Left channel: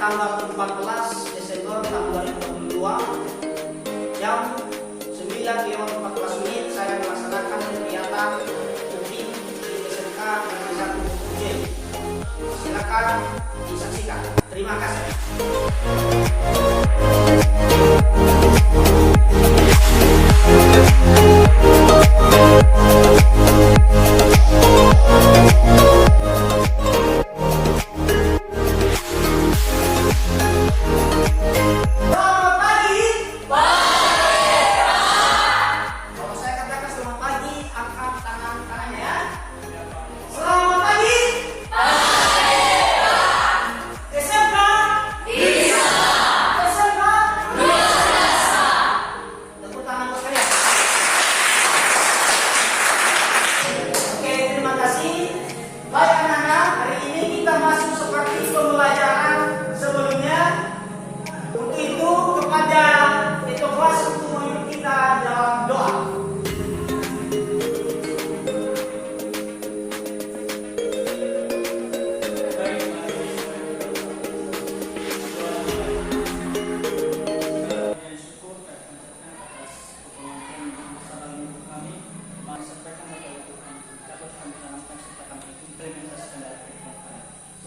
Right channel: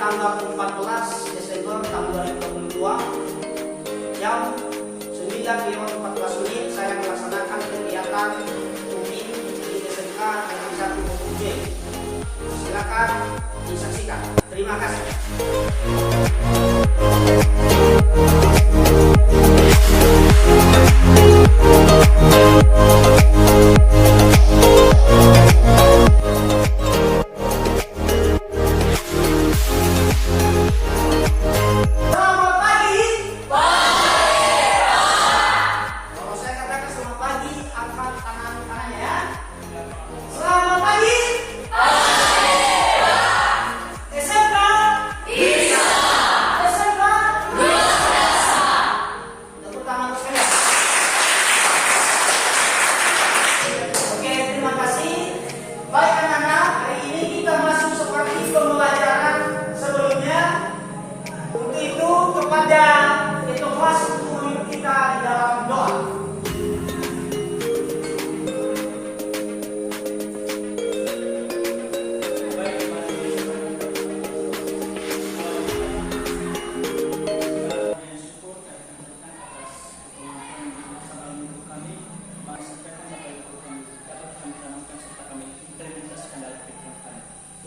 tanggal 14 Desember tahun 2022 jam 9:14 saya melaksanakan kegiatan UPI di SMK Negeri 1 UJ. Silakan disaksikan. Terima kasih.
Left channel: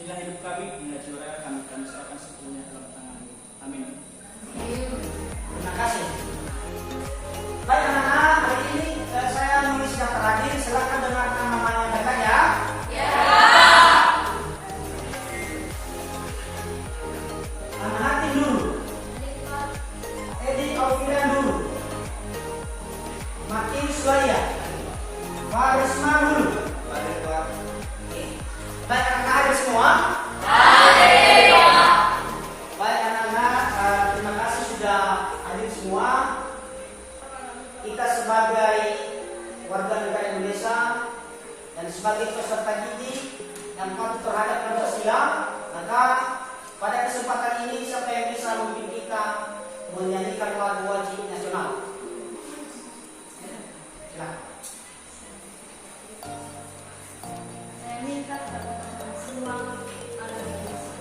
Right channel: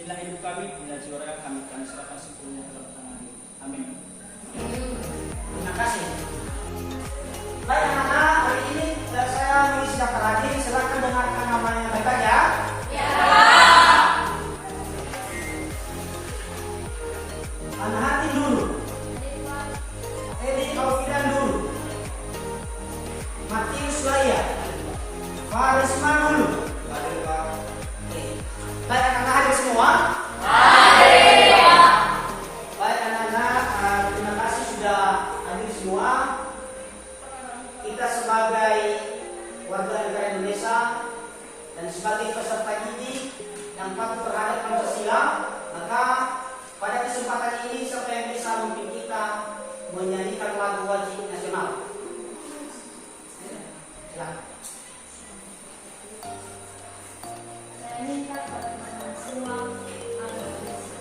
Inilah hidup kami, inilah jiwa kami serahkan sepenuhnya dalam tangan-Mu. Amin. Terima kasih. Baik anak-anak, hari ini saya mengisi daftar hadir. Silakan dengarkan namanya baik ya. Ya. Anak hati dulu. Edi Alfian dulu. Matius Laya. Farisma dulu. Baik anak-anak hadir semua. Baik anak-anak, terima kasih sudah hadir semua. Kita sebagai warga negara Indonesia dan sebagai peserta didik yang patuh terhadap Pancasila, maka pada kesempatan ini siapa yang bisa memimpin kita menyanyikan lagu wajib nasional? Silakan. Saya minta kepada teman semua agar bisa.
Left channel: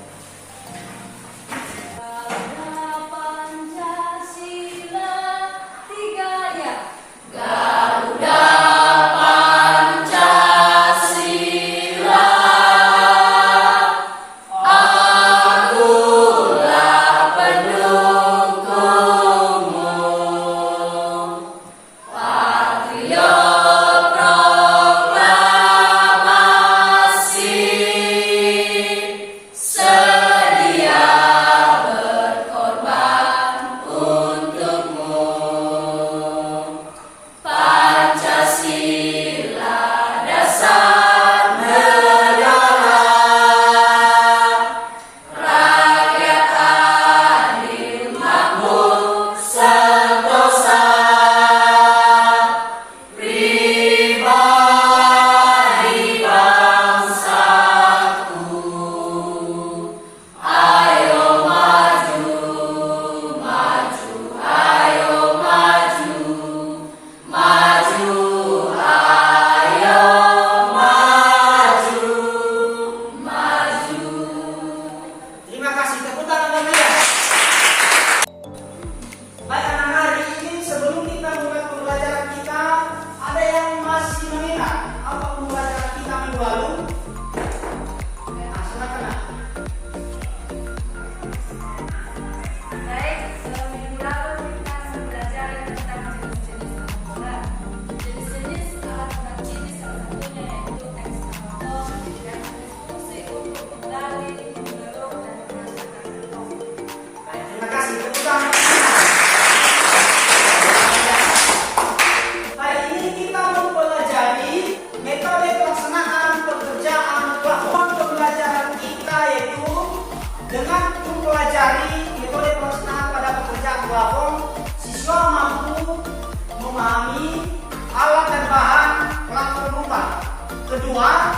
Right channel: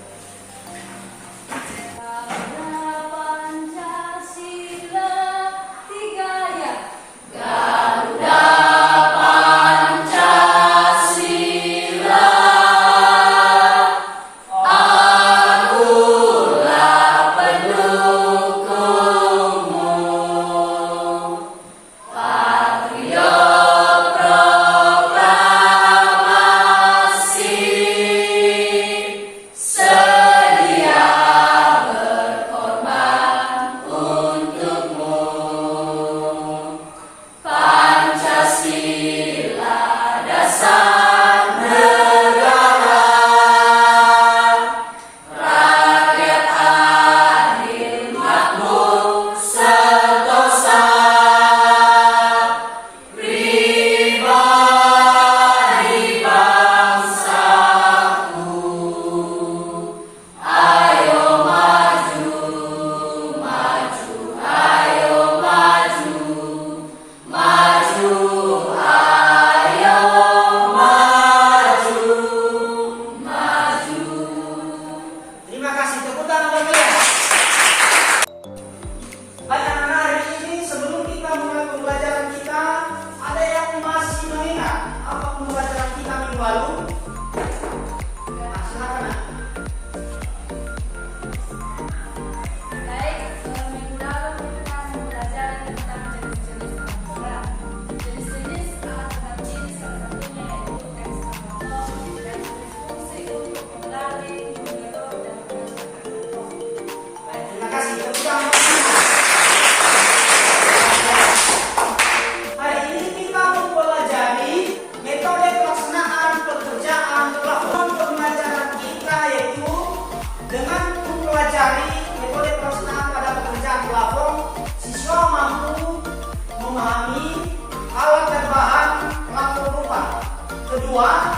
Kedua,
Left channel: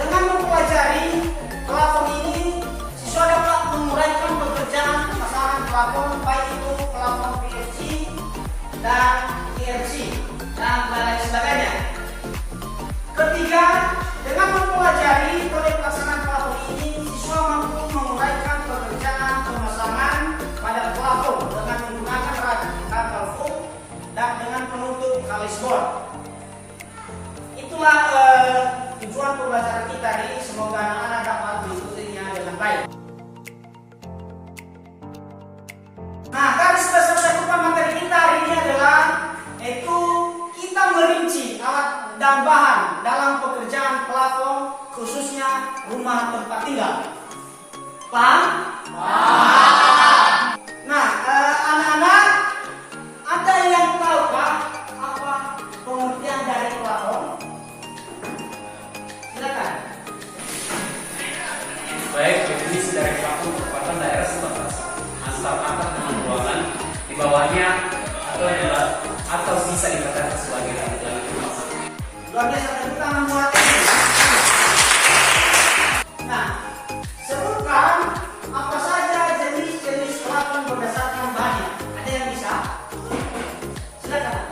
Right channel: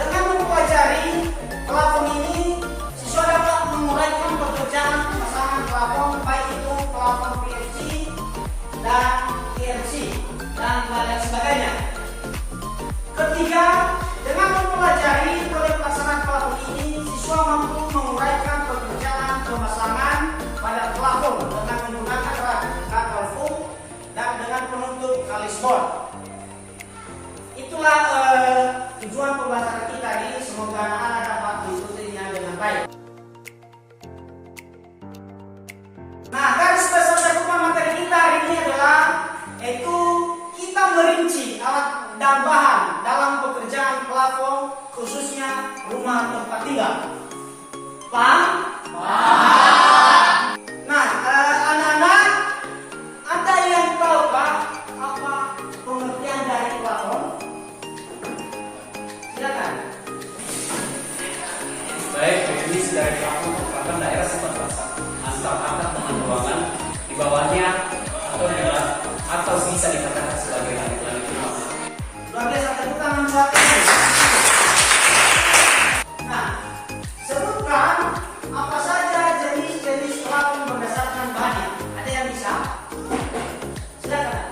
dengan mempelajari plafon ini, siswa dapat menguraikan pekerjaan pemasangan plafon, baik itu plafon PVC dan PVC dan lain sebagainya. Ketiga, dengan mempelajari proyek pelaksanaan plafon ini, siswa mampu menguraikan pekerjaan semoga anak-anak dapat mengikutinya dengan baik. Nah, garis besar cakupan materi kita hari ini adalah yaitu kita merinci alat dan bahan dalam pekerjaan plafon, khususnya rumah tempat tinggal. Paham? Paham. Nah, anak-anak, ada yang tahu Pak apa pengertian dari plafon? Silakan. Baik, definisi dari plafon merupakan daerah pembatasan antar atap dengan ruangan di bawahnya atau bisa dikatakan sebagai langit-langit rumah. Luar biasa, tepuk tangan buat ini. Nah, sebutkan apa saja jenis-jenis plafon berdasarkan bahannya. Ada yang bisa? Silakan.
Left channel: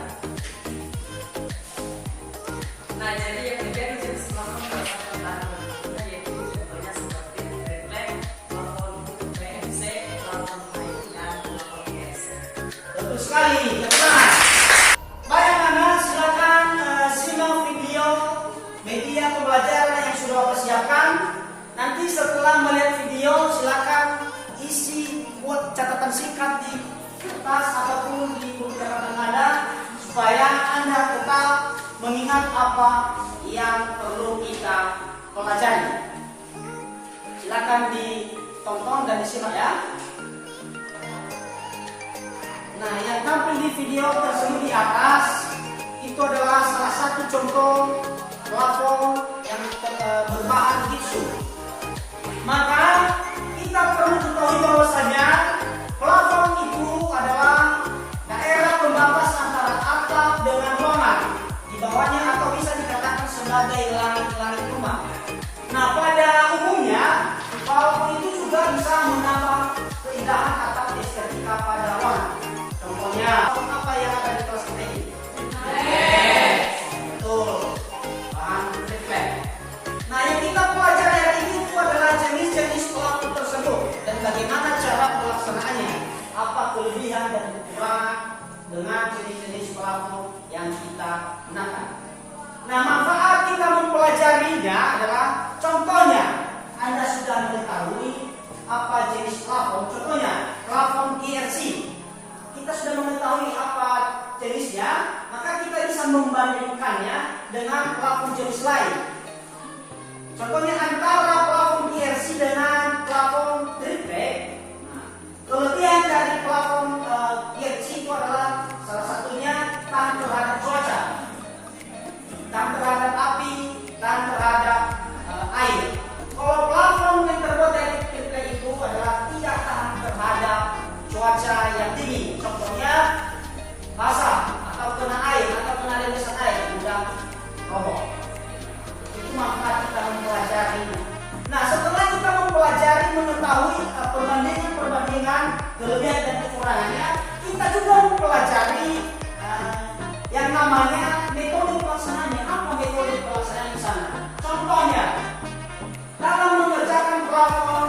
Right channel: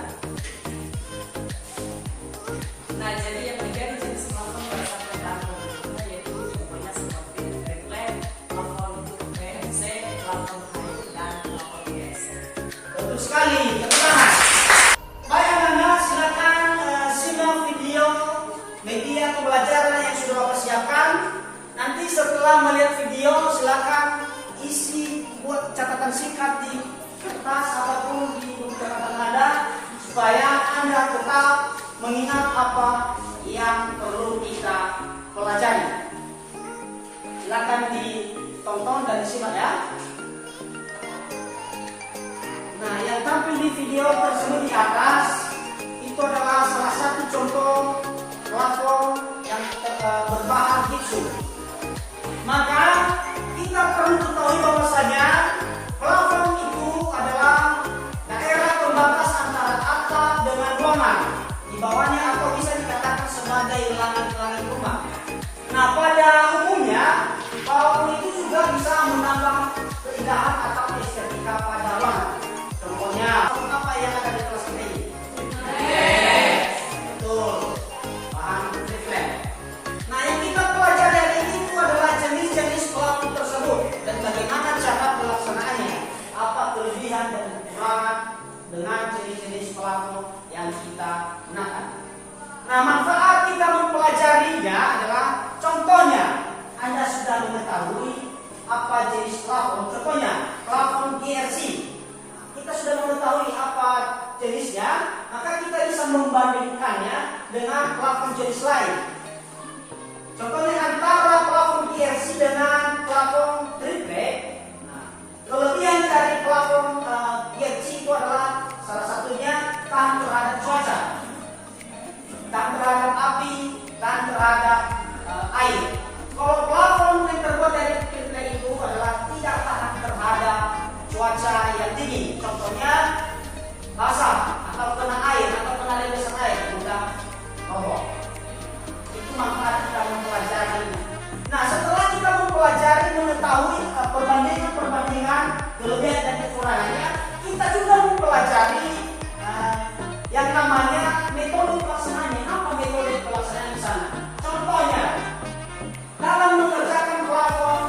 Nah, jadi yang menjadi jenis plafon berdasarkan bahan bakunya yaitu contohnya seperti triplek, plafon PVC, plafon kayu, dan plafon biasa. Betul sekali, teman-teman. Baik anak-anak, silakan simak video media pembelajaran yang sudah Bapak siapkan. Nanti setelah melihat video, silakan isi buat catatan singkat di kertas ataupun di buku catatan Anda supaya Anda tetap mengingat apa yang perlu kita pelajari. Silakan ditonton dan disimak ya. Nah, yang tampil di video tersebut di atas itu adalah salah satu contoh plafon yang berbahan gipsum. Maka kita perlu ketahui bahwasanya plafon itu adalah daerah pembatas antara atap dengan ruangan di bawahnya atau bisa dikatakan sebagai langit-langit rumah. Nah, pada umumnya plafon itu juga bisa menambah keindahan atau estetika pada ruangan. Contohnya apa yang ada di kelas ini? Betul, bahan triplek. Nah, yang kita pelajari hari ini itu adalah jenis-jenis plafon tersebut dan bagaimana cara pelaksanaannya, apa kelebihan dan kekurangan dengan jenis-jenis plafon yang kita gunakan. Nah, manfaat kita mempelajarinya adalah contohnya Anda sudah mengetahui apa jenis plafon. Contohnya plafon GRC. Kita sudah mengetahui apa jenisnya, maka kita bisa membandingkannya dengan plafon jenis lain. Contohnya antara plafon GRC dengan plafon triplek. Nah, kelebihan dari plafon GRC itu adalah salah satunya tahan terhadap cuaca, tahan terhadap api, tahan terhadap air. Kalau plafon yang terbuat dari triplek itu adalah tidak tahan terhadap cuaca yang tinggi, contohnya basah atau kena air atau kena rebesan air mudah roboh. Itu manfaat kita mempelajari. Nah, setelah kita mempelajari mengetahui perbandingan kelebihan dan kekurangannya, kita juga mempelajari yang namanya metode pelaksanaannya. Apa metode pelaksanaan di sana? Contohnya dalam mengerjakan plafon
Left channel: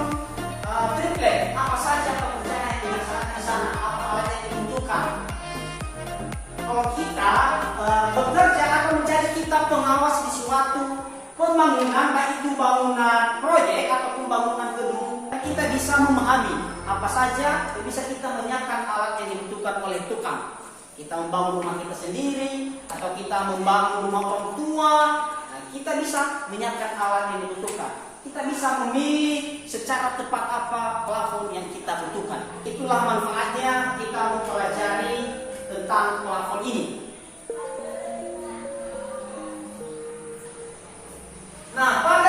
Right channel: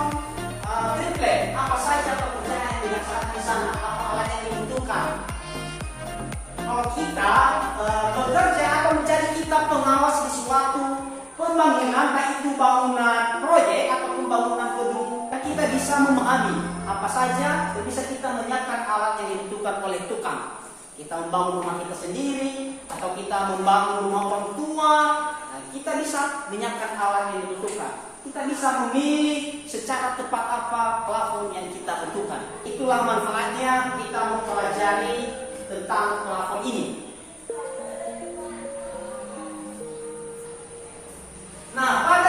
triplek, apa saja pekerjaan yang dilaksanakan di sana, apa alat yang dibutuhkan. Kalau kita bekerja atau mencari kita pengawas di suatu pembangunan, baik itu bangunan proyek atau pembangunan gedung, kita bisa memahami apa saja bisa kita menyiapkan alat yang dibutuhkan oleh tukang. Kita membangun rumah kita sendiri atau kita membangun rumah orang tua, kita bisa menyiapkan alat yang dibutuhkan. Kita bisa memilih secara tepat apa plafon yang kita butuhkan. Itulah manfaatnya kita mempelajari tentang plafon ini. Nah, pada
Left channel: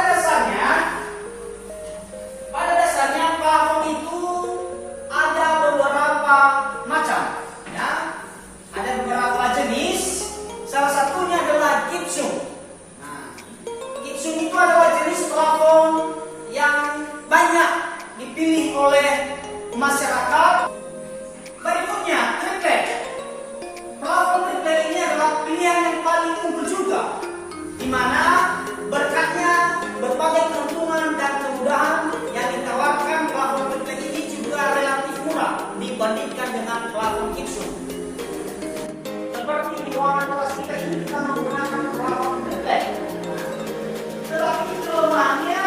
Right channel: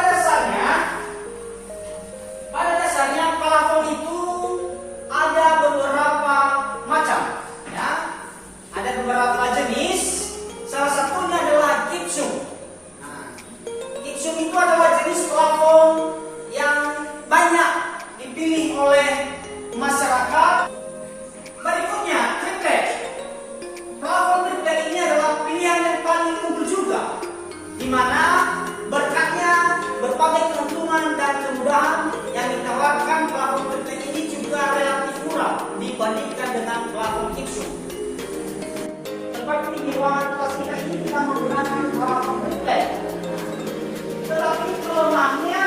dasarnya plafon itu ada beberapa macam, ya. Ada beberapa jenis. Salah satunya adalah gipsum. Gipsum itu adalah jenis plafon yang banyak dipilih oleh masyarakat. Berikutnya triplek. Plafon triplek ini adalah pilihan yang paling unggul juga, di mana berkatnya berbagai keuntungan dan kemudahan yang ditawarkan plafon triplek ini juga relatif murah dibandingkan dengan plafon gipsum. Seperti di ruangan kelas kita ini kita menggunakan plafon triplek. Tetapi kelemahannya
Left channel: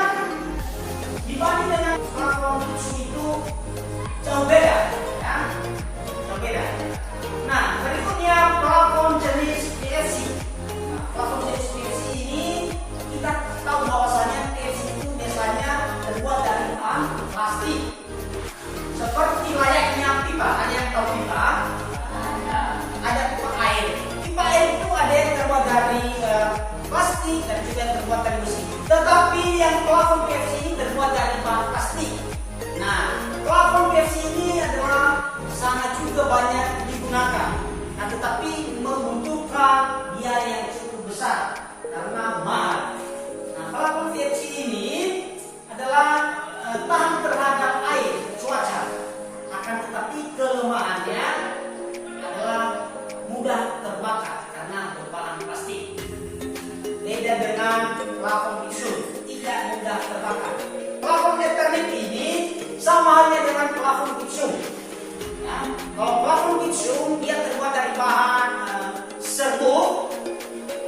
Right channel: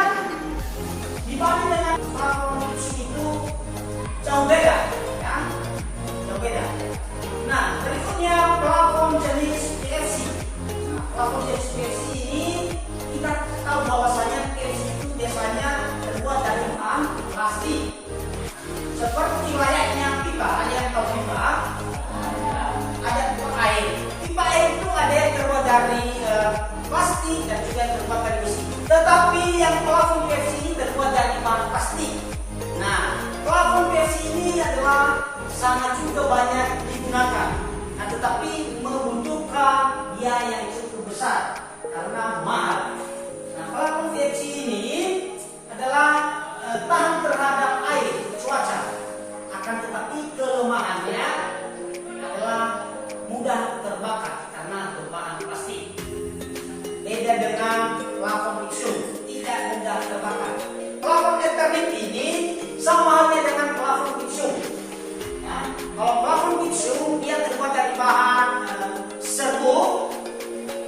gipsum, dia terbuat dari bahan serbuk.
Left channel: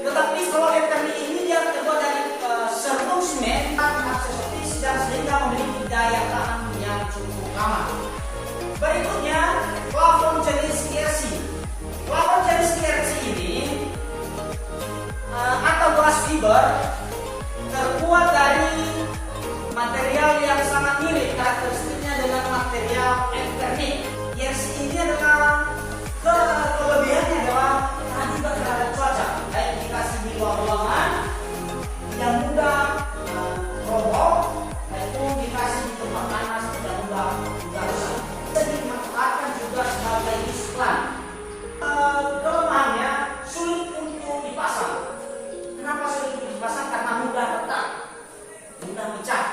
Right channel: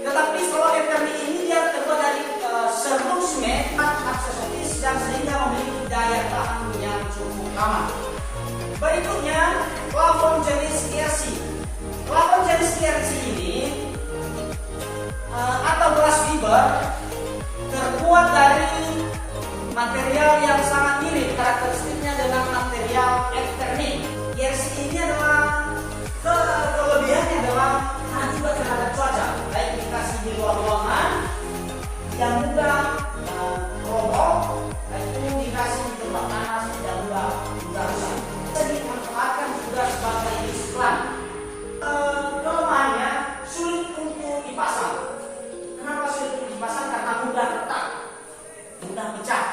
Tetapi kalau Eternit ini dia terbuat dari serbuk semen aksesoris dan sehingga memiliki daya tahan yang cukup lama. Berikutnya, plafon jenis KRC. Plafon jenis KRC ini atau glass fiber terbuat dari material yang sangat mirip karakteristiknya dengan material Eternit. KRC ini adalah kelebihannya adalah tahan juga terhadap cuaca, baik dikasih di luar ruangan yang mudah roboh, itu dikasih di tempat panas yang mudah rusak. Bisa dimanfaatkan juga sebagai iklan. Kelemahannya sulit untuk dipasang. Kenapa sulit untuk dipasang? Karena mudah retak, mudah pecah.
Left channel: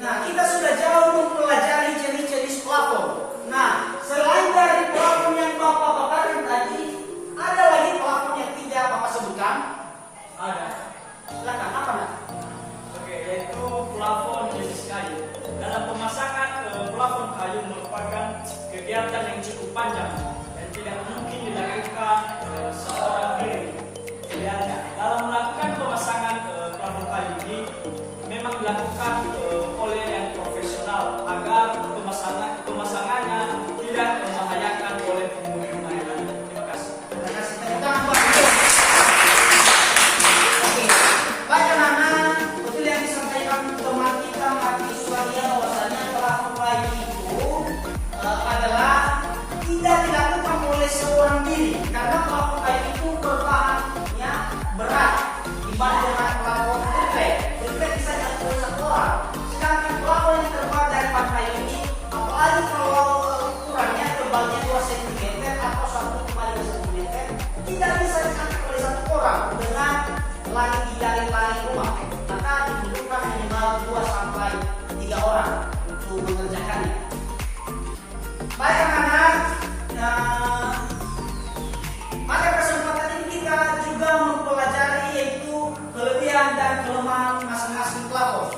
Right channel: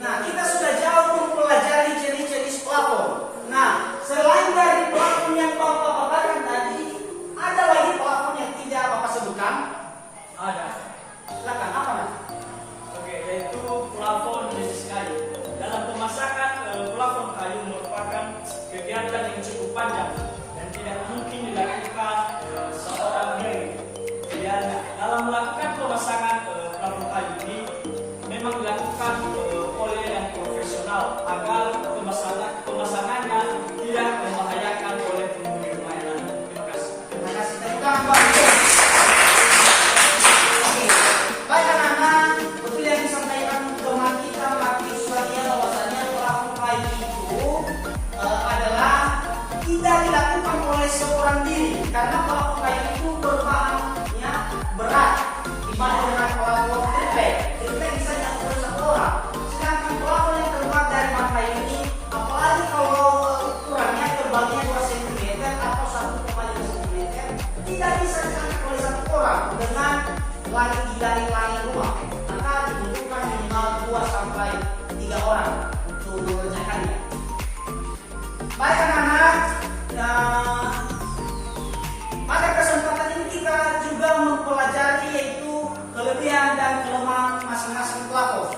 Nah, kita sudah jauh mempelajari jenis-jenis plafon. Nah, selain dari plafon yang Bapak paparkan tadi, ada lagi plafon yang tidak Bapak sebutkan? Ada. Silakan, apa Mas? Oke, yaitu plafon jenis kayu. Dalam pemasakan, plafon kayu merupakan kegiatan yang cukup panjang dan tidak mungkin dilakukan seorang diri. Idealnya, dalam melakukan pemasangan plafon kayu ini memang dilakukan oleh yang profesional agar pemasangannya tidak membahayakan oleh penghuni rumah yang lain. Terima kasih. Terima kasih. Tepuk tangan Pak. Oke, baik anak-anak, betul yang disampaikan teman kita Matius Radia bahwasanya plafon kayu itu adalah tidak dilakukan oleh seorang diri karena plafon kayu itu berbahannya berat dibanding dengan plafon triplek. Triplek bisa dilakukan satu orang. Sedangkan plafon yang terbuat dari bahan kayu ini, apalagi kalau ukurannya tebalnya 2 cm atau 1,5 cm, tidak bisa diangkat oleh satu orang dengan dari rumah. Maka dibutuhkan minimal 2 sampai 3 orang untuk mengerjakannya. Baik anak-anak, pada kesempatan ini kita juga mempelajari yaitu kelebihan dan kelemahan masing-masing plafon.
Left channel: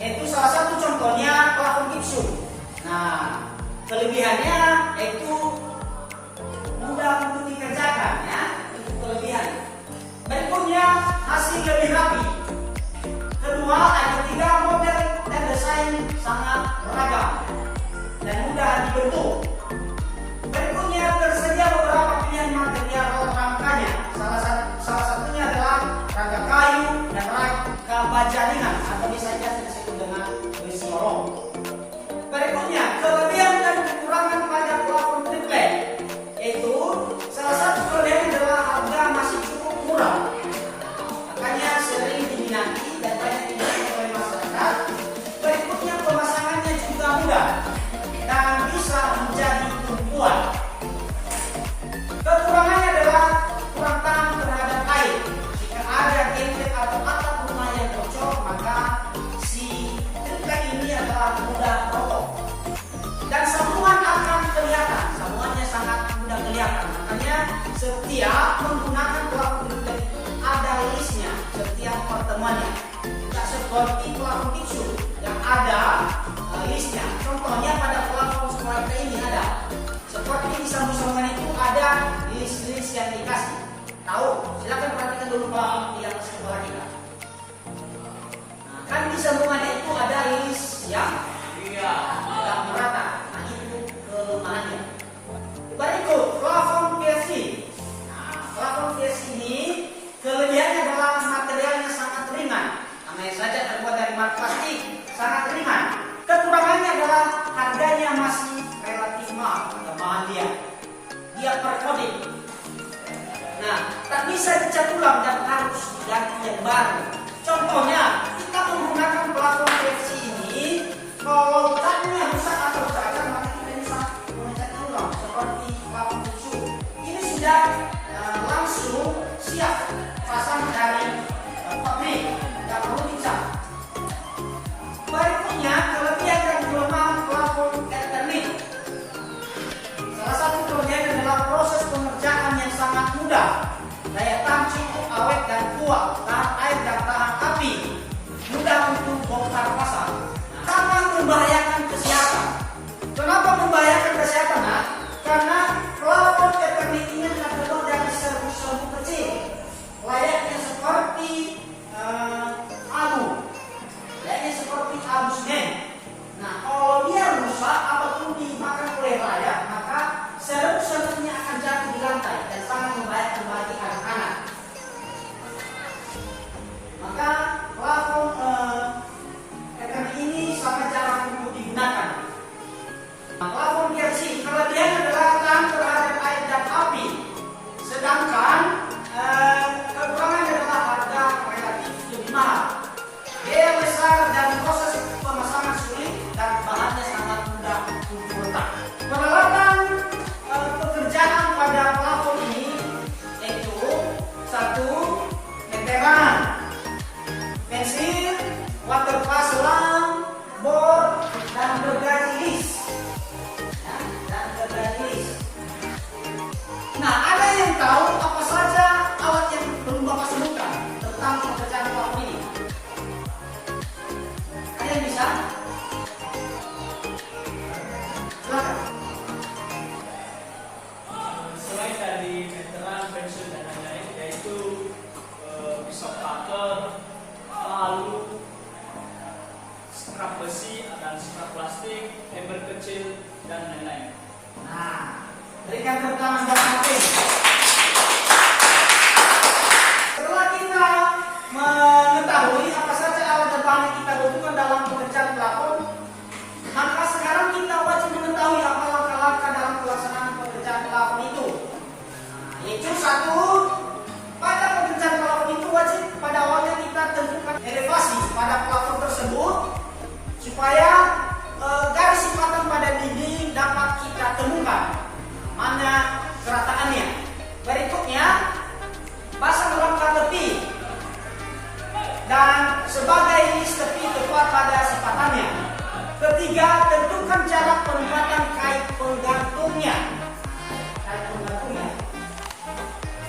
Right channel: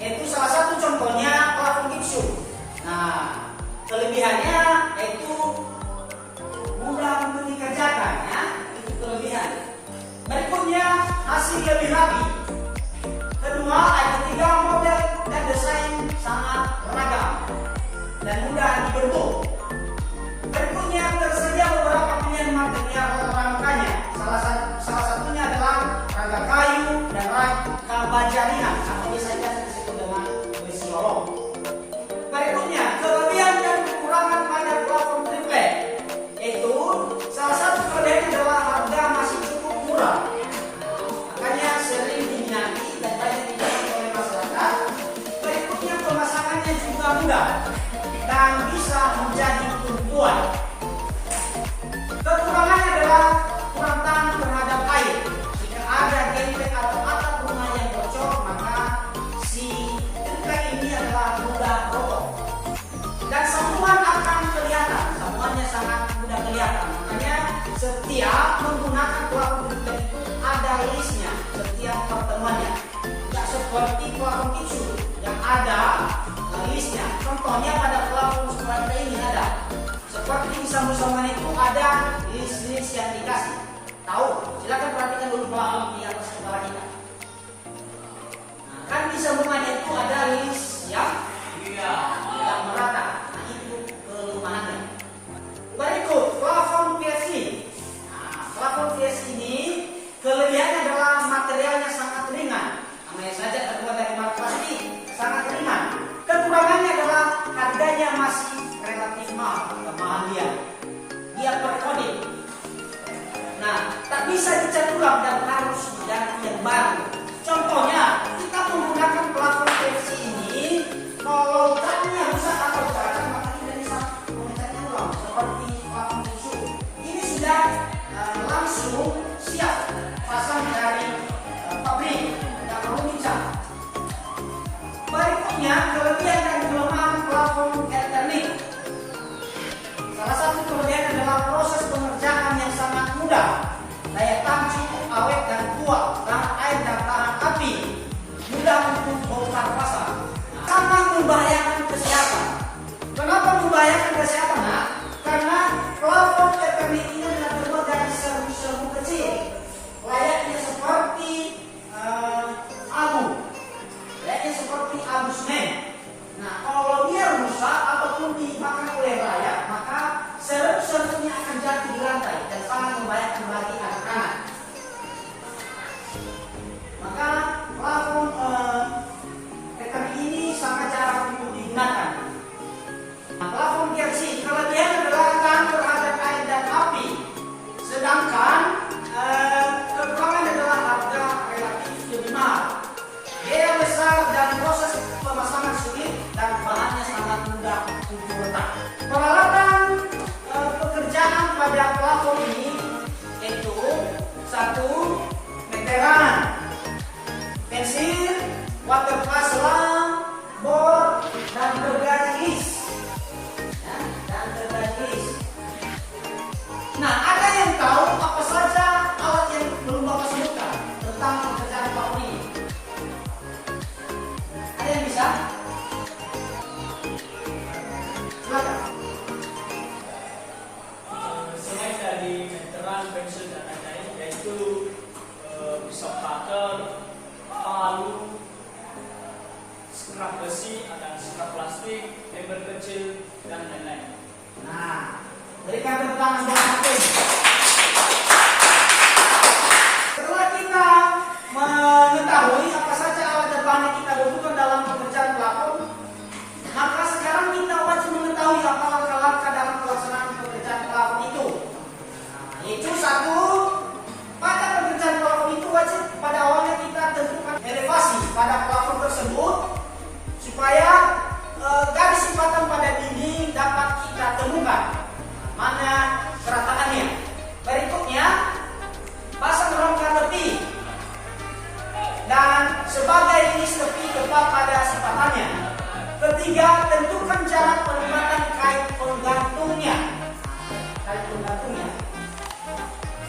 Yaitu salah satu contohnya plafon gipsum. Nah, kelebihannya yaitu mudah untuk dikerjakan, ya, itu kelebihan. Berikutnya hasil lebih rapi. Kedua, yang ketiga model dan desain sangat beragam dan mudah dibentuk. Berikutnya tersedia beberapa pilihan material rangkanya. Salah satunya adalah rangka kayu dan rangka baja ringan atau biasanya disebut dengan besi olong. Berikutnya kelebihan dan kekurangan pada plafon triplek, yaitu salah satu kelebihan adalah harga masih cukup murah. Makanya sering diminati dan banyak diminati oleh masyarakat. Berikutnya pemasangannya juga mudah dan bisa menjadi tumpuan. Kekurangannya adalah kurang tahan terhadap air. Jika ada genteng atau atap rumah yang bocor, maka si triplek ini adalah mudah roboh. Dan sambungan akan kelihatan, sambungannya sangat mudah kelihatan. Makanya setiap menggunakan plafon triplek itu ada listnya setiap pertemuannya. Tidak seperti plafon gipsum yang ada listnya. Contohnya pada plafon seperti ini ada. Seperti di sambungan itu ada list-list yang dikasih. Tahu? Silakan perhatikan dulu plafon di atas kepala kita. Nah, kan di sambungannya itu ada list yang tidak merata. Nah, itu kelemahannya. Berikut plafon PVC. Nah, plafon PVC ini kelebihannya adalah materialnya sangat ringan. Namanya saja terbuat dari bahan plastik, sangat ringan. Kekurangannya adalah harganya masih relatif mahal, bahan dia per coating. Nah, tak bisa dicat ulang dan harus diganti yang baru. Contohnya, kita menggunakan plafon PVC ini, kalau catnya rusak atau cacat, maka kita bisa mengecatnya ulang seperti plafon gipsum. Ini sudah langsung siap pasang dari pabrik, tidak perlu dicat. Berikutnya, kelebihan dan kelemahan plafon Eternit. Salah satu kelebihan adalah proses pengerjaan yang sangat mudah, daya tahan cukup awet dan kuat, tahan air dan tahan api, mudah untuk bongkar pasang. Sangat membahayakan kesehatan. Kenapa membahayakan kesehatan? Nah, karena digunakan. Plafon PLC kelebihannya adalah tahan terhadap air dan api, sedangkan kekurangan adalah harga relatif lebih mahal. Biaya besar dan proses pemasangan sulit dan bahannya sangat mudah untuk retak. Peralatan pekerjaan pada plafon ini yaitu 1. Meteran, pensil, waterpass selang, bor, dan gergaji lis. Nah, ada yang tahu apa saja alat yang belum Bapak sebutkan tentang pekerjaan plafon ini? Ada yang bisa? Silakan. Selain dari meteran, pensil dan lain-lain, yaitu pisau cutter, palu, scrap besi dan scrap plastik, ember kecil dan lain-lain. Nah, berikan tepuk tangan buat Martin. Setelah kita mengetahui apa saja alat dan bahan yang kita butuhkan dalam pekerjaan plafon, maka sekarang kita wajib mengetahui apa langkah-langkah dalam pelaksanaan pekerjaan plafon itu. Yaitu 1, pada pekerjaan plafon itu wajib pada awalnya kita tentukan elevasi pada plafon tersebut supaya garis sipatan pada dinding dapat kita temukan mana kerataannya. Berikutnya, pasang rangka tepi dan sebagai lis tepi tepat pada sipatannya. Ketiga, tentukan jarak penempatan kait penggantungnya.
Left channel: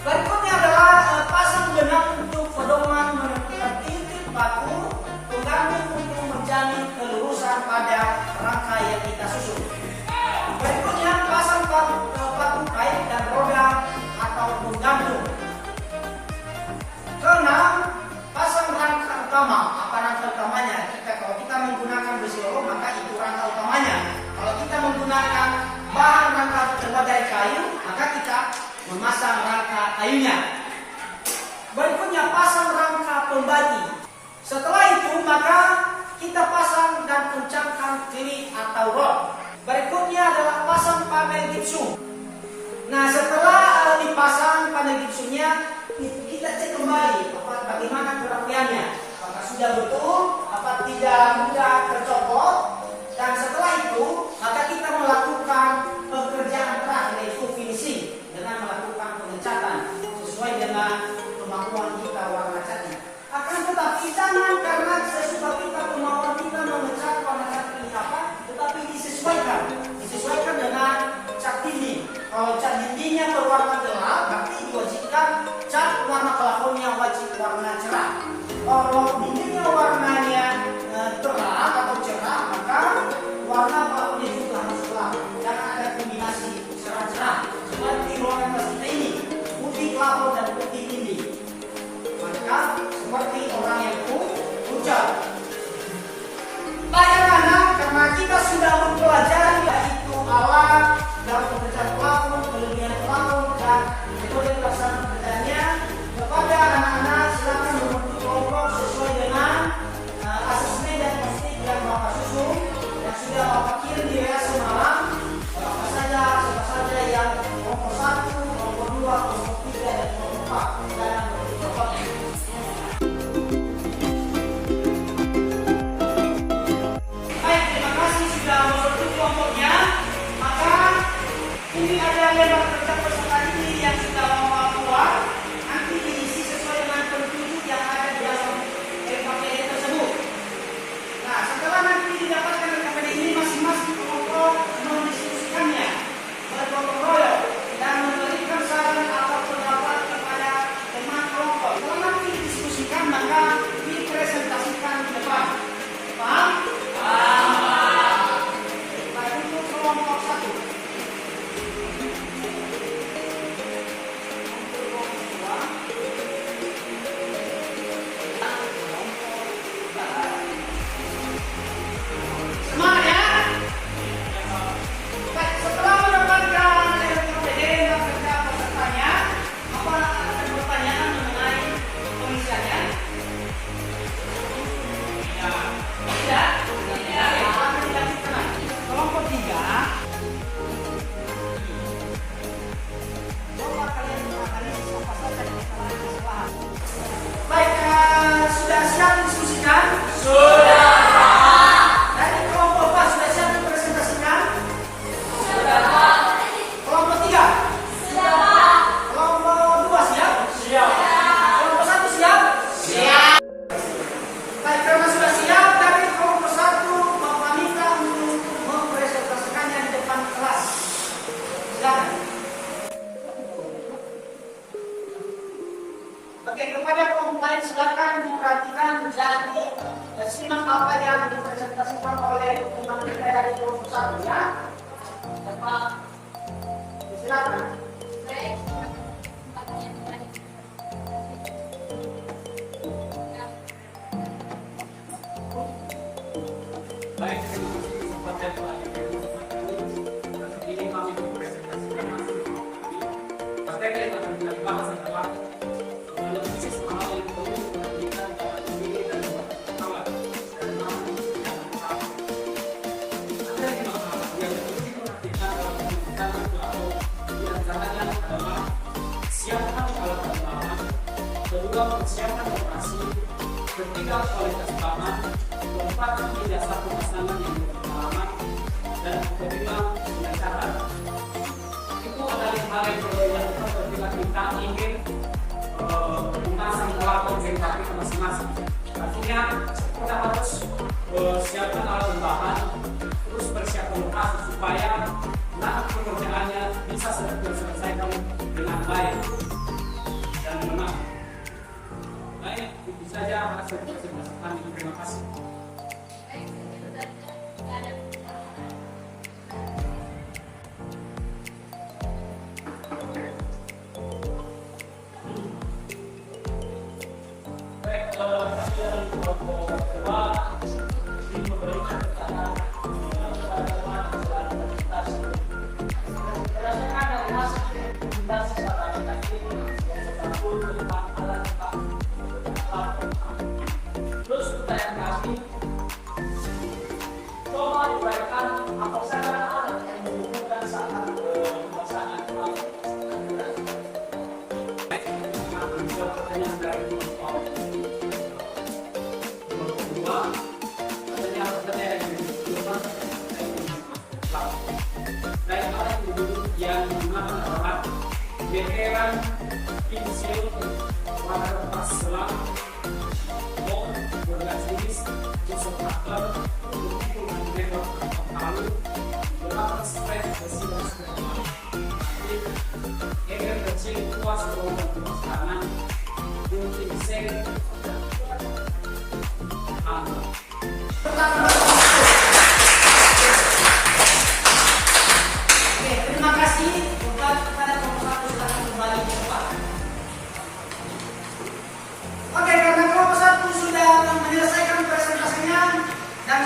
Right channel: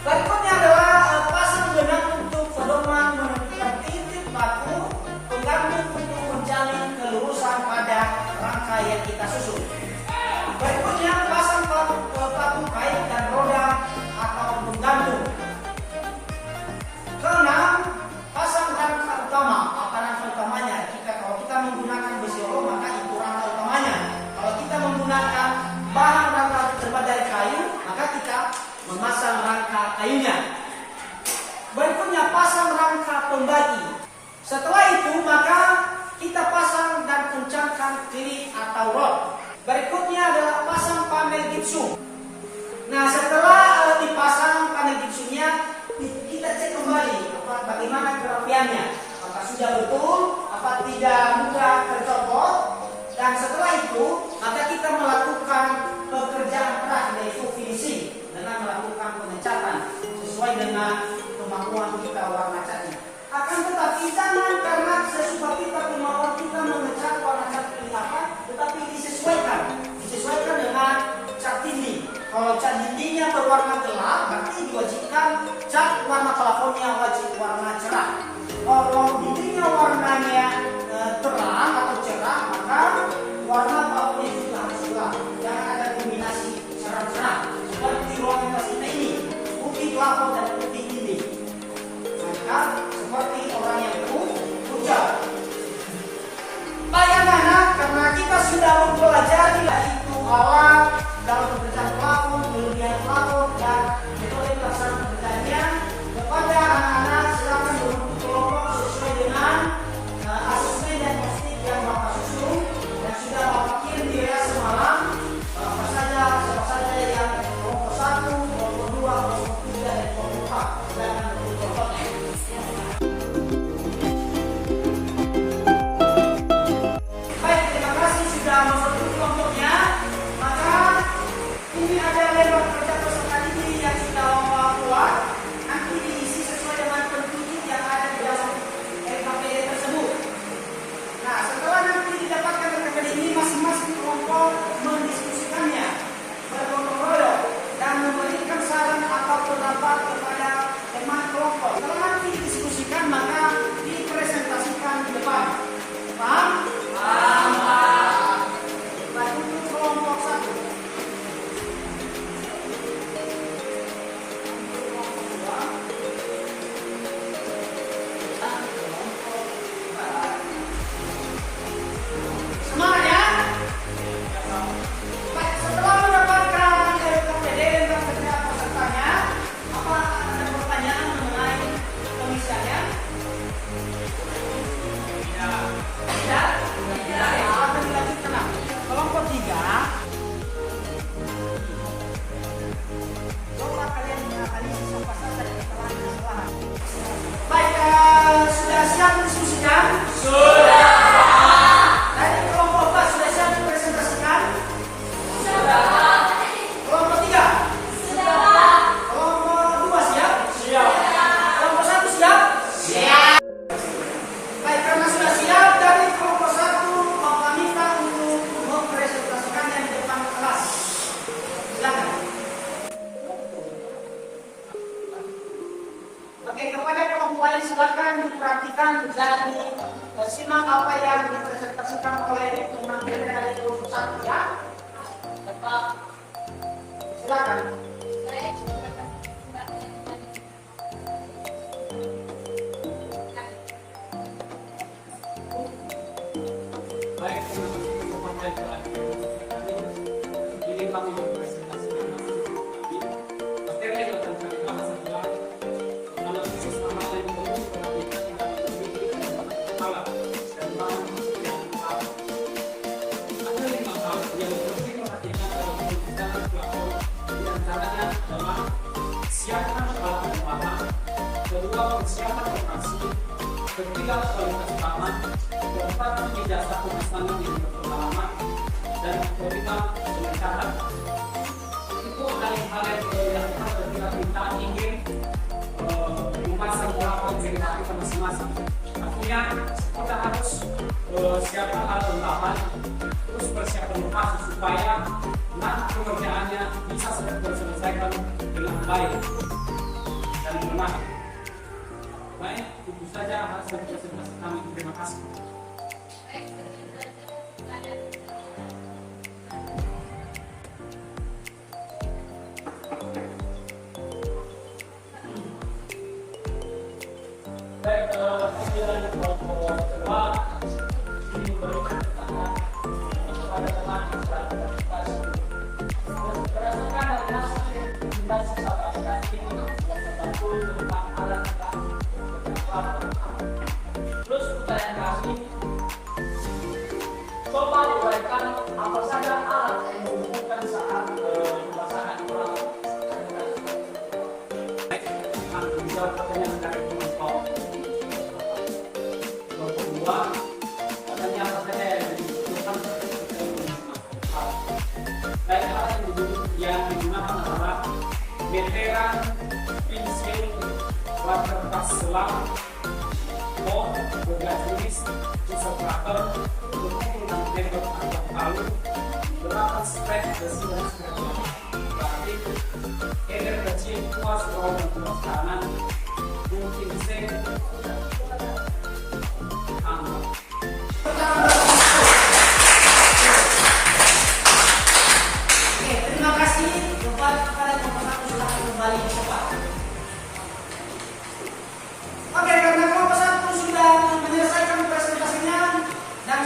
Berikutnya adalah pasang benang untuk pedoman menentukan titik baku penggantung untuk menjalin kelurusan pada rangka yang kita susun. Berikutnya, pasang paku kait dan roda atau penggantung. Keenam, pasang rangka utama. Apa rangka utamanya? Kalau kita menggunakan besi oro, maka itu rangka utamanya. Kalau kita menggunakan bahan rangka berbagai kayu, maka kita memasang rangka kayunya. Berikutnya, pasang rangka pembagi. Setelah itu, maka kita pasang dan kencangkan kilit atau rod. Berikutnya adalah pasang panel gipsum. Nah, setelah dipasang panel gipsumnya, kita cek kembali bagaimana kerapiannya. Apakah sudah betul, apa tidak mudah tercopot. Dan setelah itu, maka kita melakukan pekerjaan terakhir yaitu finishing dengan melakukan pengecatan sesuai dengan kemampuan kita warna catnya. Akan tetapi jangan karena sesuatu kemampuan kita mengecat warna cat ini apa, tetapi disesuaikan dengan cat dinding. Kalau cat dindingnya berwarna gelap, berarti diwajibkan cat warna plafonnya wajib warna cerah. Kalau dindingnya warnanya terang atau cerah, maka warna plafonnya juga harus gelap. Jangan ada kombinasi cerah-cerah seperti ruangan kita ini, putih plafon dan putih dinding. Maka seperti orang yang hujan. Bagaimana? Karena kita sudah mempelajari yaitu alat dalam pekerjaan plafon, kelebihan plafon dan metode pelaksanaan pekerjaannya. Kepada anak-anak silakan membentuk kelompok sesuai dengan apa yang dipresentasikan oleh teman kita dari kelompok 1 ya. Bapak, silakan. Saya tempatnya Baik, terima kasih kesempatan telah diberikan. Ini kami mempresentasikan materi kami. Materi yang akan kami bahas adalah analisis amal yang perlu diperhatikan dalam memilih dan memakai alat dan bahan yang tepat. Ada 5 hal yang perlu diperhatikan dalam menggunakan platform. Di antaranya adalah siapkan alat dan bahan, kedua persiapan operasi, ketiga kualitas bahan, keempat jasa pemasangan yang berpengalaman, dan kelima pelancaran. Itu adalah hal yang perlu dilakukan ketika kita ingin memasang pelafon gempa kita masing-masing. Artinya kita harus siapkan alat dan bahan, terus persiapan lokasi supaya nanti pekerjaannya bisa terselesaikan dengan baik dan benar. Baik, itu saja hasil presentasi kami. Terima kasih. Baik, saya kelompok kedua ingin memberikan pertanyaan kepada teman dan komunitas. Berdasarkan dari hasil rekomendasi sahabat tadi yang terbantu tentang alat terus pertanyaan kami, coba uraikan apa saja alat yang dibutuhkan saat pemasangan pelafon. Baik, akan menjawab pertanyaan dari kelompok kedua. Pertanyaan yang dibutuhkan baik, alat yang digunakan adalah meteran, pensil, waterpas selang, bergaris, tusuk cutter, untuk metode atau palu, berapa spek besi dan sebagainya. Eger kecil, kuas bawah dan kanan, gunting seng, angka. Oke, terima kasih kepada kelompok 1 silahkan kembali ke tempat. Oke, karena kelompok 1 sudah menyelesaikan presentasinya dan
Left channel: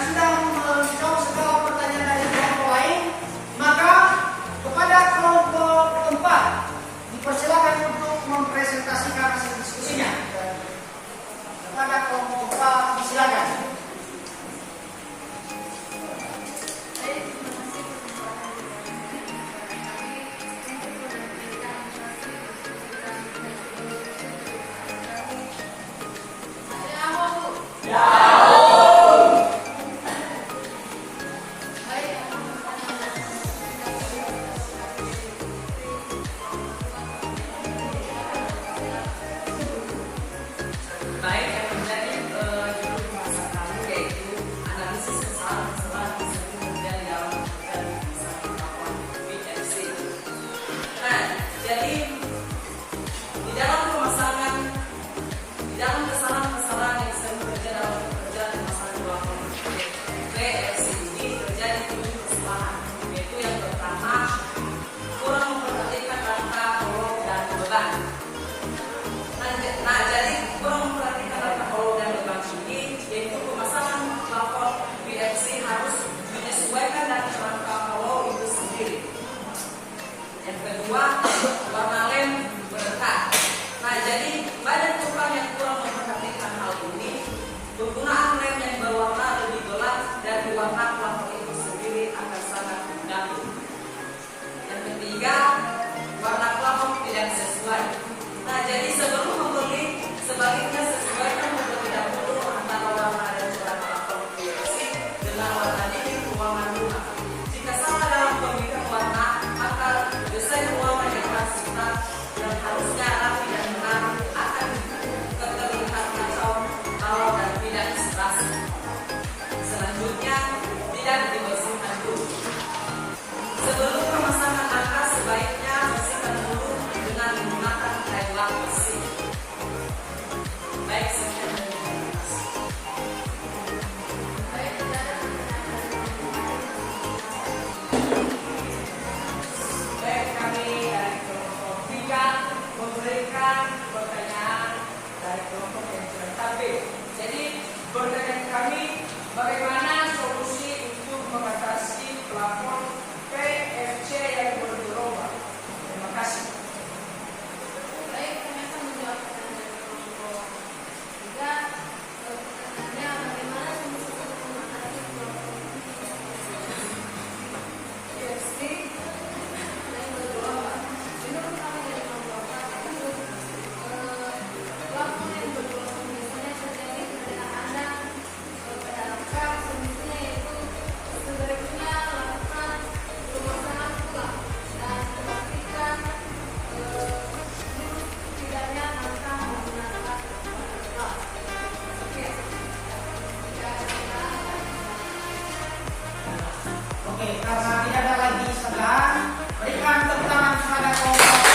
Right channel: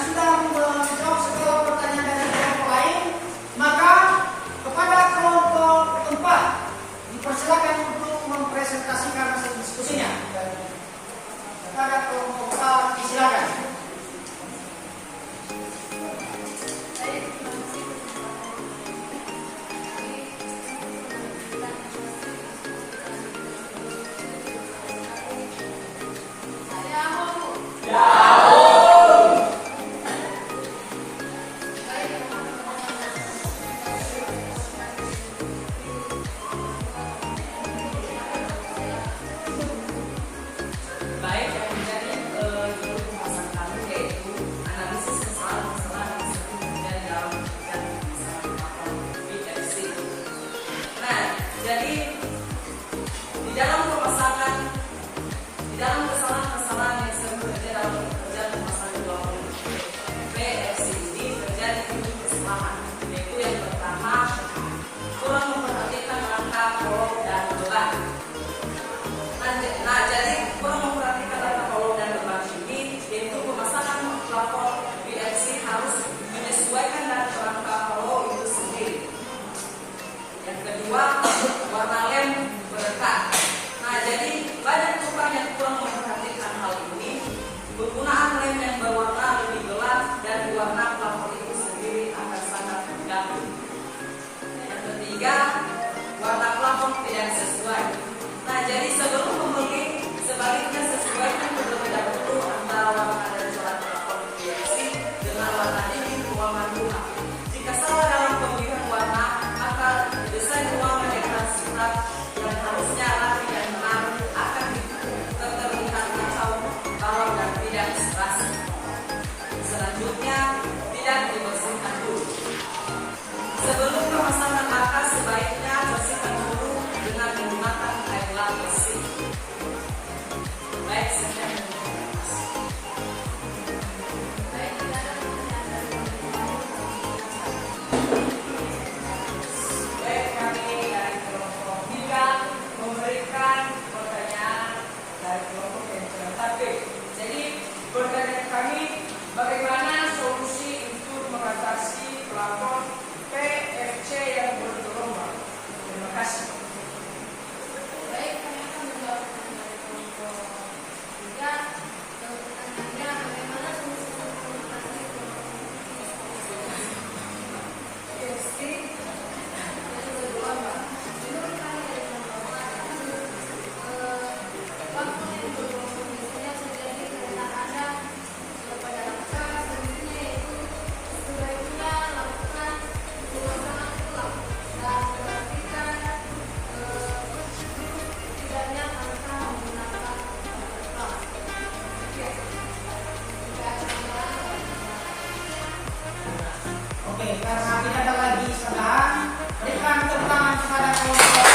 karena tidak ada lagi sedang, berikan tepuk tangan kepada kelompok.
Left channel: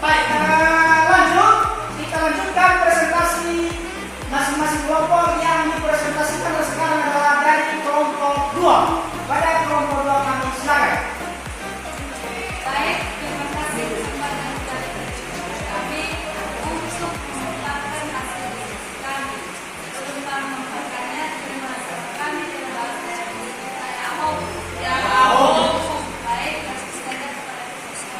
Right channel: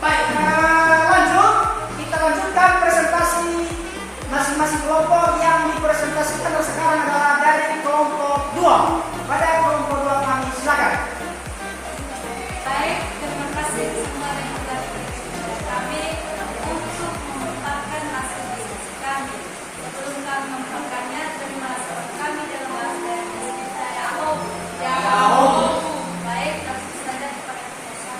Baik, lanjut. Kita lanjutkan presentasi masing-masing kelompok. Yang dipresentasikan sekarang adalah dari kelompok 2. Pada kelompok 2 kami silakan. Baik, terima kasih semua yang sudah berpartisipasi kami untuk memaparkan hasil diskusi kami. Sebelum kami memaparkannya, terima kasih kami dalam bahasa Indonesia. Baik, kasih saja kepada kita.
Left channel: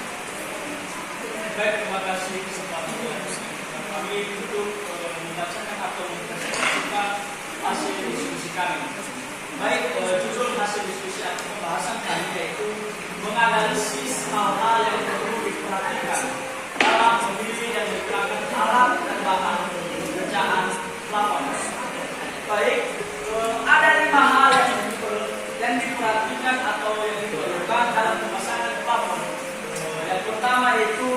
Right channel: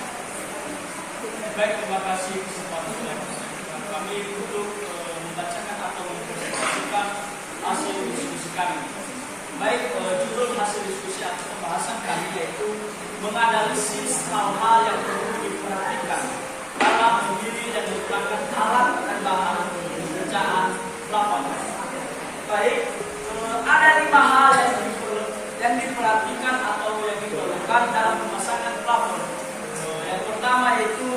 Baik, terima kasih kesempatan yang diberikan kami untuk membacakan atau mempresentasikan hasil diskusi kami. Baik, judul hasil diskusi atau pembahasan kami yaitu menganalisis hal-hal yang perlu diperhatikan dalam memilih dan menggunakan alat dan bahan pekerjaan plafon. Baik, ada 5 hal yang diperhatikan atau yang diperlukan dalam pemasangan plafon. Yang pertama yaitu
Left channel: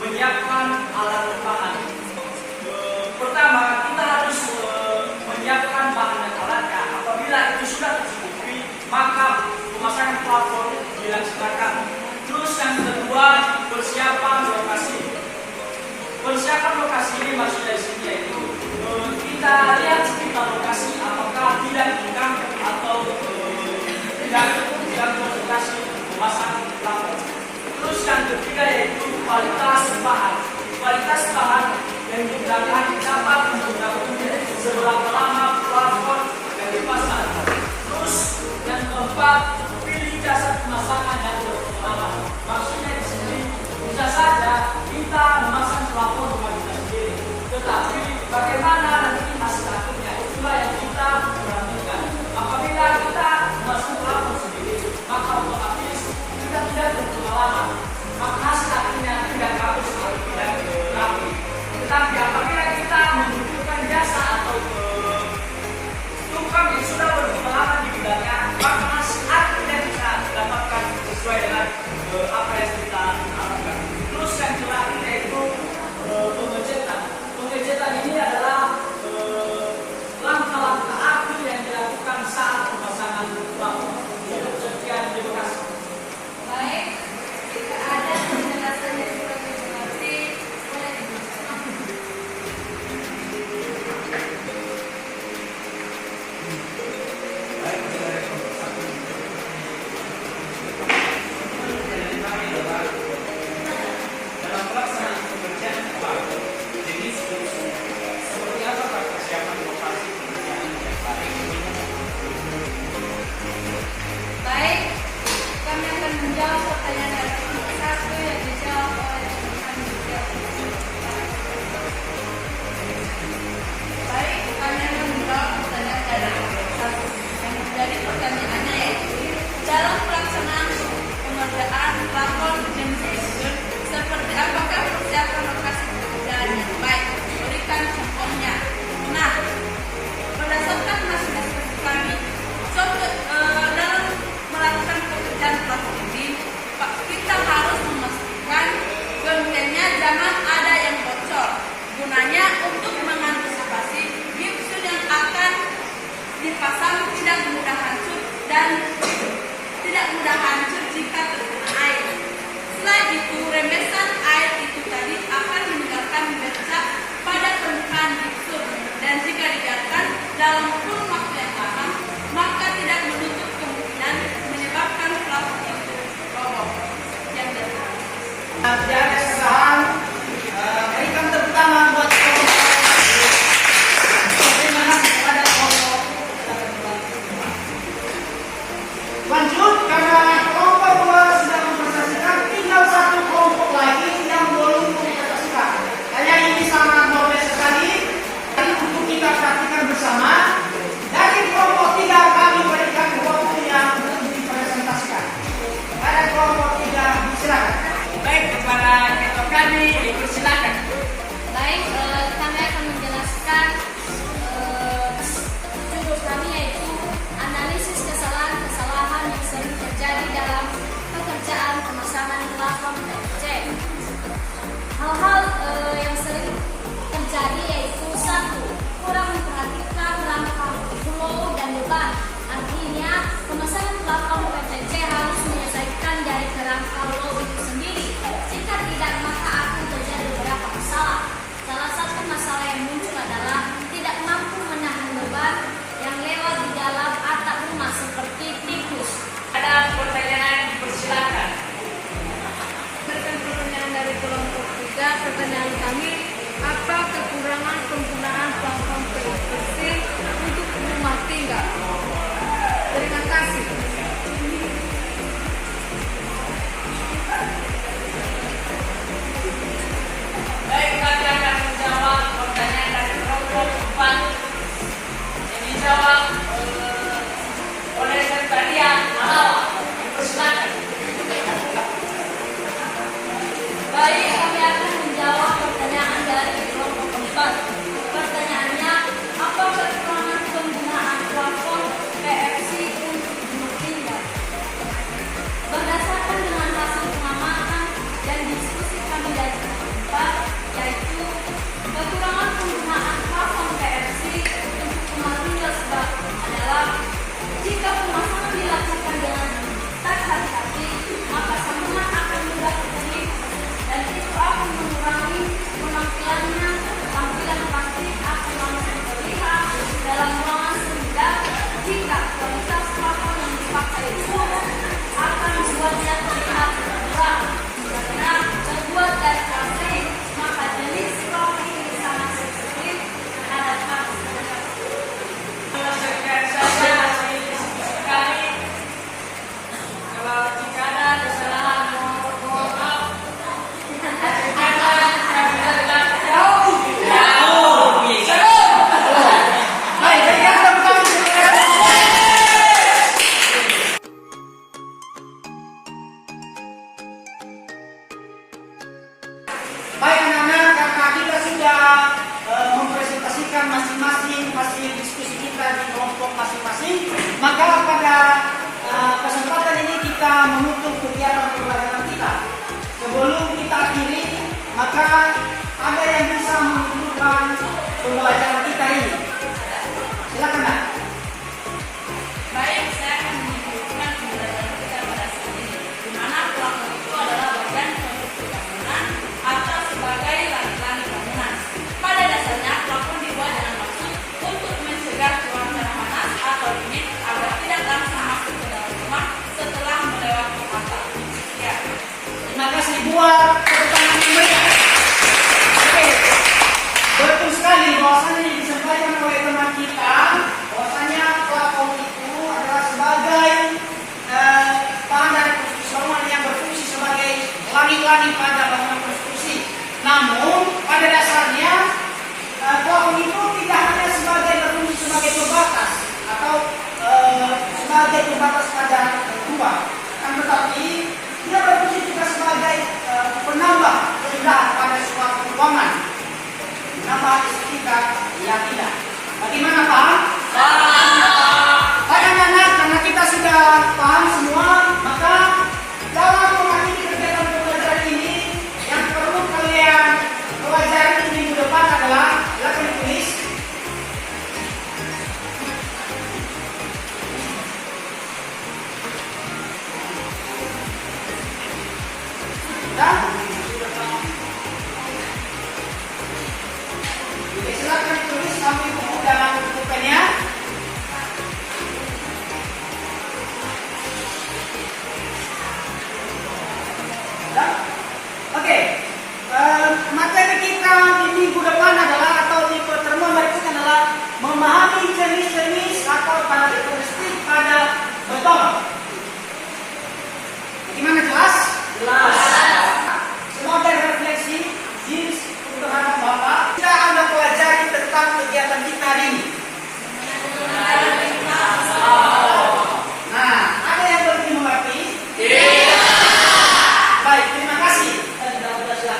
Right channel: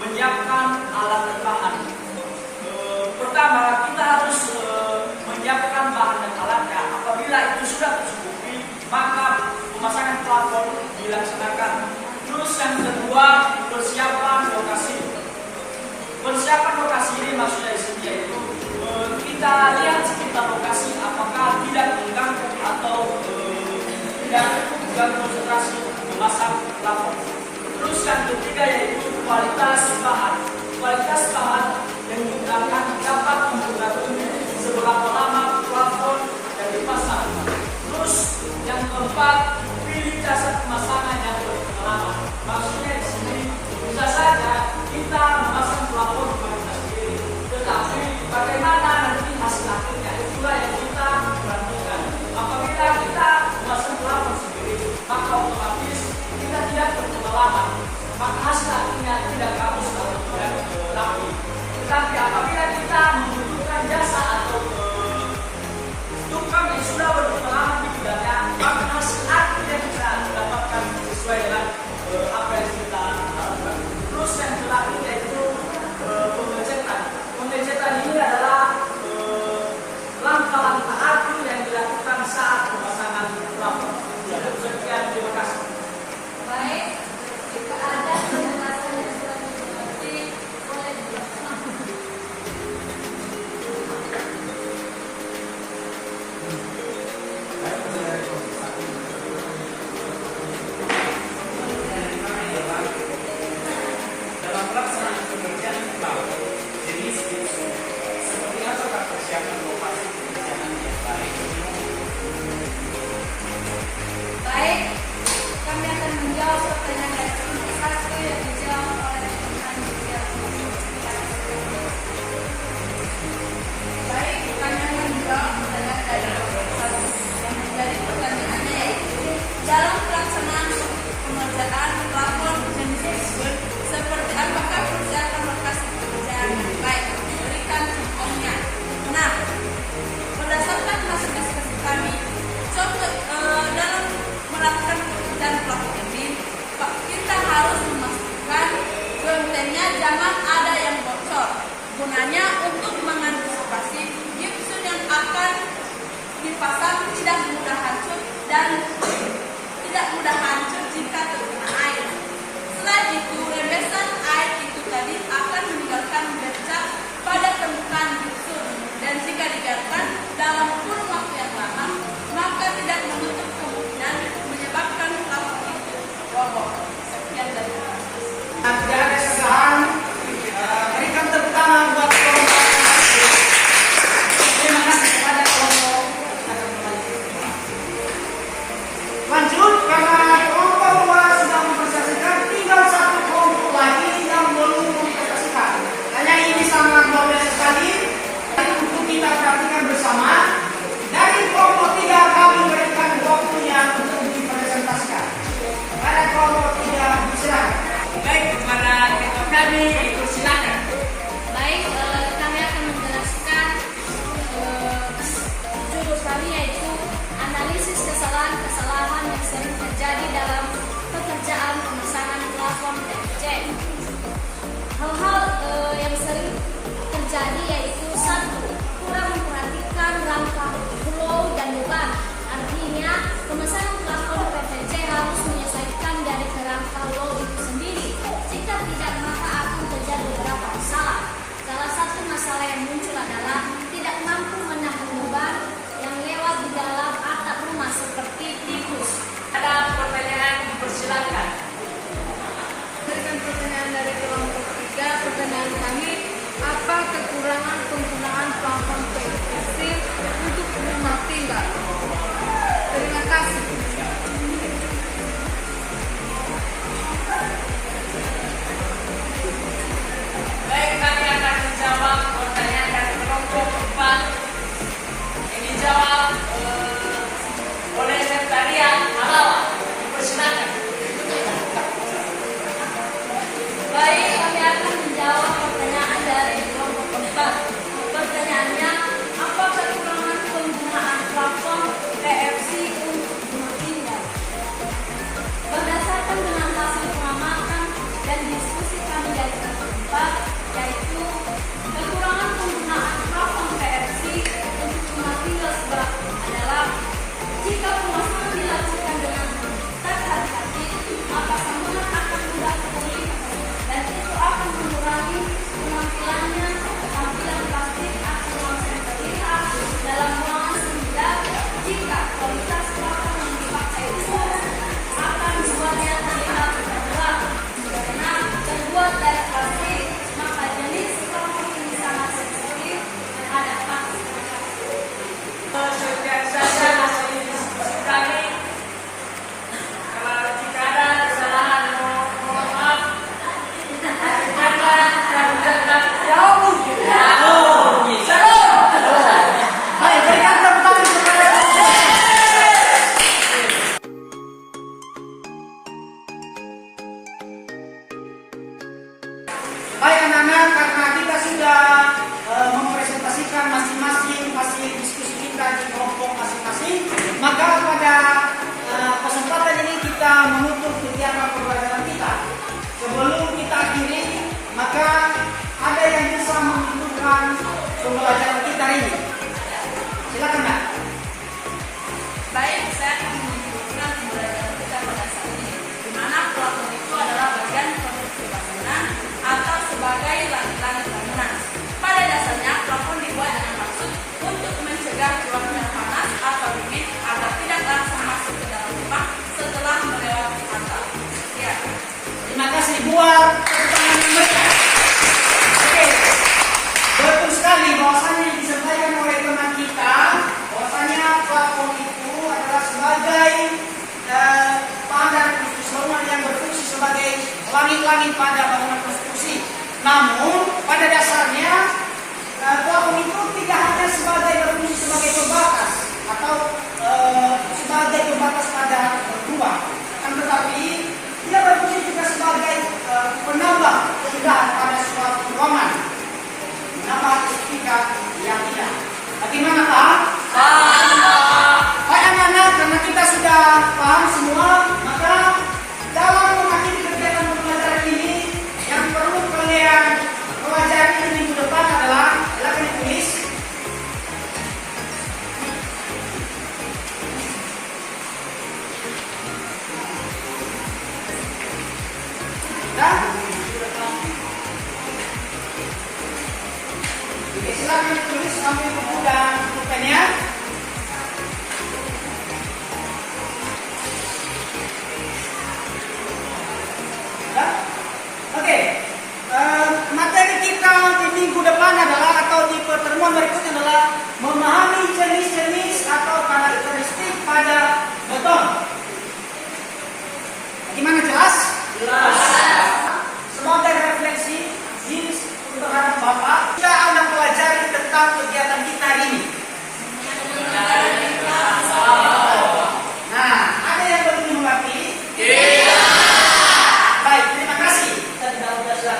menyiapkan alat dan bahan. Pertama, kita harus menyiapkan bahan dan alatnya. Apabila itu sudah tercukupi, maka pemasangan plafon dilaksanakan. Terus yang kedua, persiapan lokasi. Persiapan lokasi ini maksudnya di sini yaitu kita lihat sekitar lokasi apakah tidak mengganggu atau tidak mengganggu konsentrasi memasang plafon. Terus yang ketiga yaitu kualitas bahan. Kualitas bahan menentukan dapat mengatur seberapa lama plafon yang dipasang. Terus yang keempat, pilih jasa pemasangan yang berpengalaman. Maksudnya di sini bisa saja kita memasang plafon rumah kita sendiri, tetapi bagaimana nanti hasil akhirnya itulah yang kita perhatikan. Apabila kita memasang plafon sendiri, maka otomatis kita tidak berpengalaman, maka hasil akhirnya tidak bagus kalau tidak rapi. Tetapi apabila kita membutuhkan jasa atau tukang yang sudah berpengalaman di bidangnya, maka hasil akhirnya bisa didapatkan sesuai dengan apa yang kita lakukan. Terus yang terakhir yaitu pengecetan. Pengecetan ini adalah langkah-langkah akhir yang dilakukan saat pemasangan plafon. Sekian, terima kasih. Baik, jika ada penjelasan yang kurang dimengerti, boleh dijelaskan. Dalam pelaksanaan pekerjaan plafon, jenis seperti apa persiapan lokasi pekerjaan yang baik? Baik, kami akan menjawab pertanyaan dari kelompok 1 yang dijawab oleh teman juga. Baik, kami akan menjawab pertanyaan dari kelompok 1. Yang menjadi pertanyaannya yaitu dalam pelaksanaan pengerjaan plafon dan fixture, seperti apakah persiapan lokasi pekerjaan yang baik? Berikan contohnya. Nah, berdasarkan hasil diskusi kami, dalam melakukan pekerjaan plafon ini, kita harus memastikan gentengnya jangan ada yang bocor. Gunanya untuk mengantisipasi gipsum yang akan dipasang tidak mudah hancur dan tidak mudah hancur jika terkena air. Selain itu, rembesan air itu tadi akan meninggalkan bercak pada permukaan gipsum, dan jika dibiarkan dalam kurun waktu yang lama, maka tidak menutup kemungkinan menyebabkan plafon itu roboh. Sekian dari kami. Tidak ada kesalahan. Berikan tepuk tangan buat kelompok. Terima kasih kepada kelompok. Lanjut, karena kelompok 2 sudah mempresentasikan, tinggal 1 kelompok lagi yang belum mempresentasikan. Hanya ini sangat luar biasa sekali. Untuk kita perhatikan bersama. Dari kelompok 3 kami berikan waktunya untuk dipresentasikan. Pada kelompok 3 silakan. Baik, kepada ketua kami, silakan. Baik, kami akan menjelaskan judul kami yaitu analisis kesalahan-kesalahan yang sering terjadi dalam pekerjaan pemasangan plafon PVC. Hal-hal yang sering terjadi yaitu 1. Kurang memperhatikan rangka flow dan beban. Artinya kasih. Baik, kami akan menjawab pertanyaan dari kelompok 4. Yang dijawab oleh Sekretariat Mamawa. Dipersilakan. Baik, kami akan menjawab pertanyaan dari kelompok keempat. Pertanyaannya, apa kekurangan penggunaan plafon PVC untuk rumah tinggal? Berdasarkan dengan hasil pengamatan dan diskusi kami dari kelompok keempat, yaitu kekurangan penggunaan plafon PVC untuk rumah tinggal adalah jika pemasangan dilakukan dengan tak hati-hati, maka sambungan akan mudah terjadi dan itu akan mengurangi penampilannya. Tampilan plastik akan langsung terlihat dalam ruangan sehingga jika kualitas plafon yang dipakai buruk akan membuatnya terlihat terang. Karena terbuat dari plastik, maka jenis plafon ini sangat sensitif terhadap panas. Sekian saja hasil diskusi kami. Kalau jika ada kesalahan, mohon maaf. Karena kami tetap jauh. Baik, berikan tepuk tangan kepada baik anak-anak, karena kita sudah mempresentasikan masing-masing hasil diskusi kita di kelompok masing-masing, maka pada kesempatan ini kita menutup kegiatan pembelajaran kita. Sebelum kita akhiri, maka ada yang bisa menunjukkan pembelajaran kita ini. Silakan, Nak. Baik, saya akan menunjukkan pembelajaran kita pada saat ini, di mana plafon itu adalah bagian konstruksi bangunan atau sebagai langit-langit bangunan. Pada dasarnya, plafon dibuat dengan maksud untuk mencegah keluarnya panas atau dingin agar tidak langsung masuk ke dalam rumah setelah melewati atap. Ya. Terima kasih buat tepuk tangan yang meriah. Oke, betul sekali bahwasanya yang disampaikan oleh teman kita, bahwasanya plafon itu adalah sebagai pandang konstruksi bangunan yang berfungsi sebagai langit-langit pada bangunan konstruksi. Namun pada dasarnya plafon itu tidak hanya sebagai berfungsi sebagai pembatas atau sebagai pembatas pada rumah, kan tetapi dia berfungsi juga sebagai penambah keindahan pada suatu ruangan, menambah estetika yang indah. Bagaimana, paham? Baik anak-anak, karena kita sudah paham semua, maka dalam mengakhiri kegiatan pembelajaran ini yang perlu kalian pelajari di minggu depan adalah, silakan ditulis. Dan oke, silakan tulis ambil buku dan bukunya. Oke, materi kita di minggu depan adalah atau di pertemuan berikutnya adalah memahami jenis-jenis atau karakteristik pada beton. Bagaimana, jelas? Jelas. Sebagai refleksi diri terhadap Bapak, kita akan pelajari tentang kegiatan kita hari ini. Nah, ada yang belum dimengerti? Iya. Baik, terima kasih. Kita sudah belajar.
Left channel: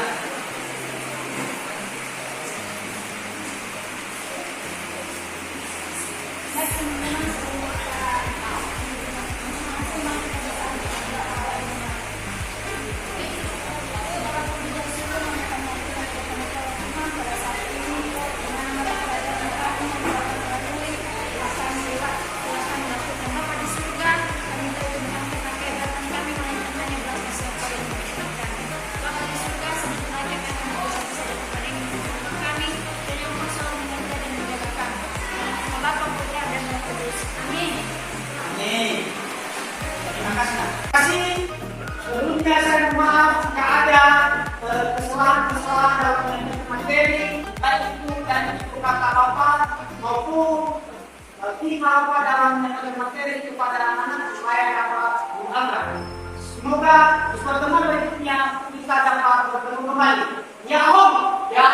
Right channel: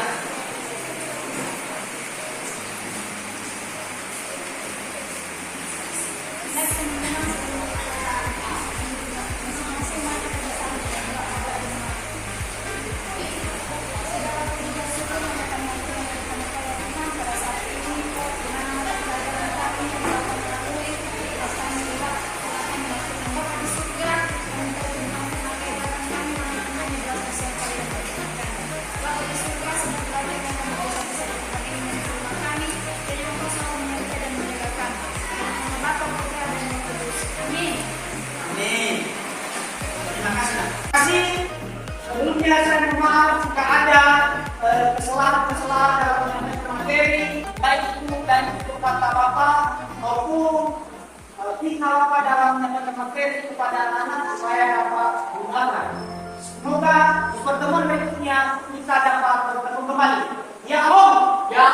Sebelumnya saya mohon maaf jika ada kesalahan-kesalahan dalam penyampaian materi, baik itu dan itu kata Bapak maupun seperti apa dalam menyampaikan materi kepada anak-anak supaya dapat diungkapkan. Semoga di pertemuan berikutnya kita dapat bertemu kembali. Ya Om. Ya.